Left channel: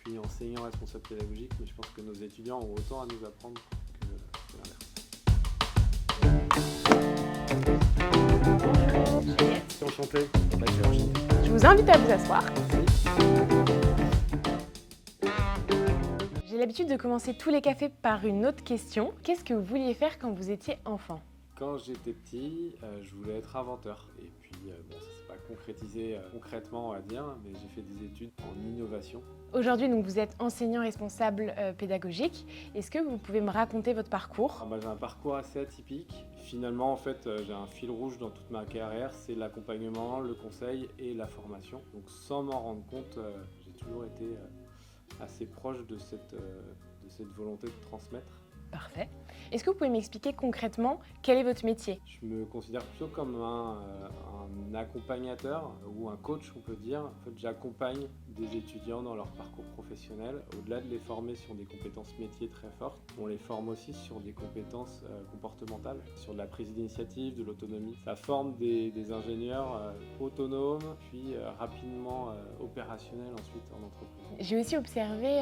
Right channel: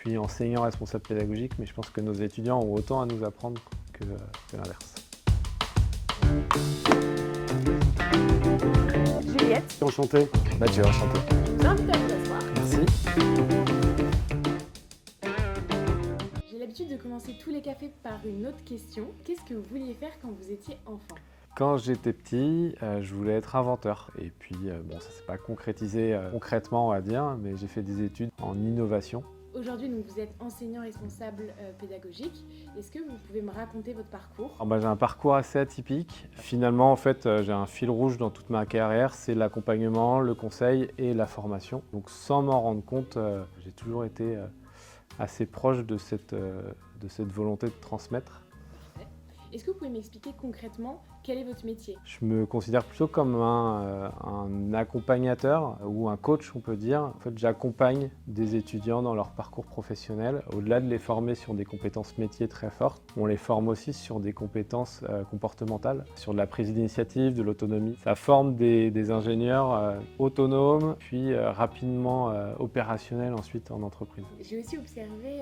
suis enseignant responsable pédagogique, mais je pense que nos étudiants ont autant à nous apprendre que l'inverse. Juliette, Enchanté. Mathieu, enchanté. je vous invite à vous asseoir. Merci. J'ai l'habitude de commencer tous les cafés par une autre question. Qu'est-ce que vous vouliez faire quand vous étiez enfant ? Quand j'étais petit, je voulais être inventeur. Et puis, bon, ça ne s'est pas concrétisé concrètement, on va dire, mais j'ai fait des études en innovation. Aujourd'hui, donc, vous êtes enseignant responsable pédagogique. Est-ce que vous pouvez me raconter votre parcours ? Alors, j'ai un parcours assez atypique. Finalement, en fait, j'ai un fil rouge dans toute ma carrière, c'est l'accompagnement, le conseil et la formation. Donc, sans m'en rendre compte, j'ai toujours été assez proche de cette volonté de transmettre. Parfait. Est-ce que vous pouvez m'expliquer concrètement quel est votre métier ? Je me considère plutôt comme un accompagnateur ou un coach, on peut dire. En fait, j'accompagne des étudiants dans leur parcours professionnel. Au-delà de les former sur des compétences métiers très fortes, on les forme aussi sur des compétences comportementales, sur de la prise d'initiative, de l'autonomie. Ça forme des ingénieurs autonomes, puis rapidement opérationnels ensuite en entreprise. J'ai aussi observé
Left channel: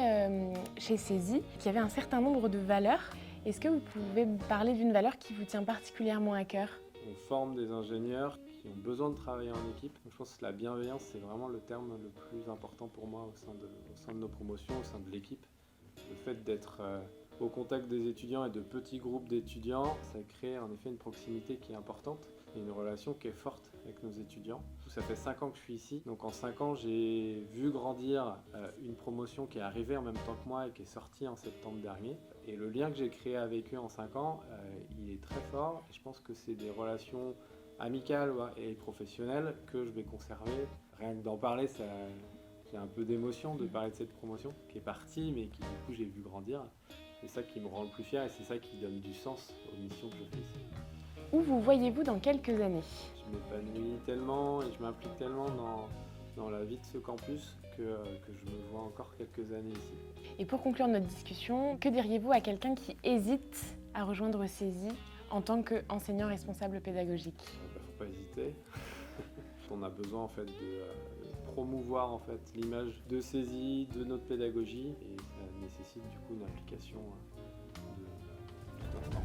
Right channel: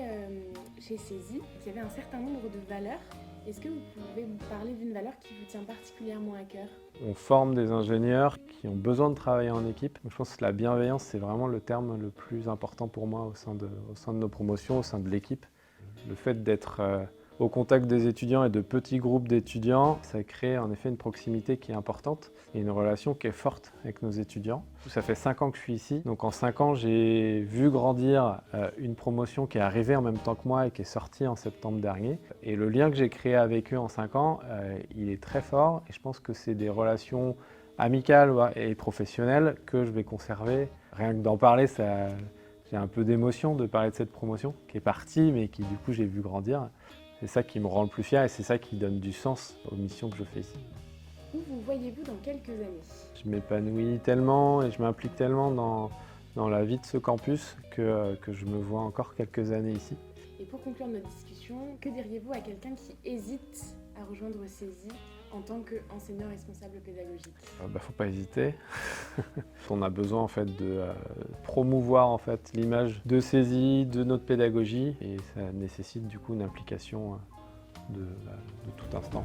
chez CESI qu'il y avait un certain nombre de valeurs. Est-ce que vous pouvez me parler d'une valeur qui vous tient particulièrement à cœur ? On forme des ingénieurs qui ont besoin de travailler en équipe. Je pense que la bienveillance, c'est vraiment le terme le plus important pour moi au sein de nos promotions, au sein de l'équipe. Le fait d'être au contact des étudiants et de petits groupes d'étudiants, ça crée en effet une proximité qui est importante et une relation qui est forte avec nos étudiants. Ça fait 5 ans que je suis ici, donc en 5 ans j'ai vu grandir une promotion qui est arrivée en même temps que moi et qui est sortie en septembre dernier. Et le lien que j'ai créé avec eux en 5 ans, il est très fort et je pense que c'est des relations amicales et professionnelles que je vais conserver. Rien que d'en parler, j'ai un peu d'émotion de parler de cette promotion qui est partie mais qui du coup j'ai vu grandir. C'est ça qui me rend le plus fier et c'est ça qui donne du sens aux missions que je fais ici. Où vous voyez-vous dans quelques années ? Je m'épanouis tellement et je m'implique tellement dans la vie de ce campus que je me vois encore quelques années ici. Et pour conclure notre discussion, que diriez-vous à quelqu'un qui hésite à rejoindre CESI en tant qu'enseignant responsable pédagogique ? Faut pas hésiter. On a besoin en fait de promouvoir en fait l'image de CESI, de notre pédagogie et ça nécessite du coup une implication de tout instant.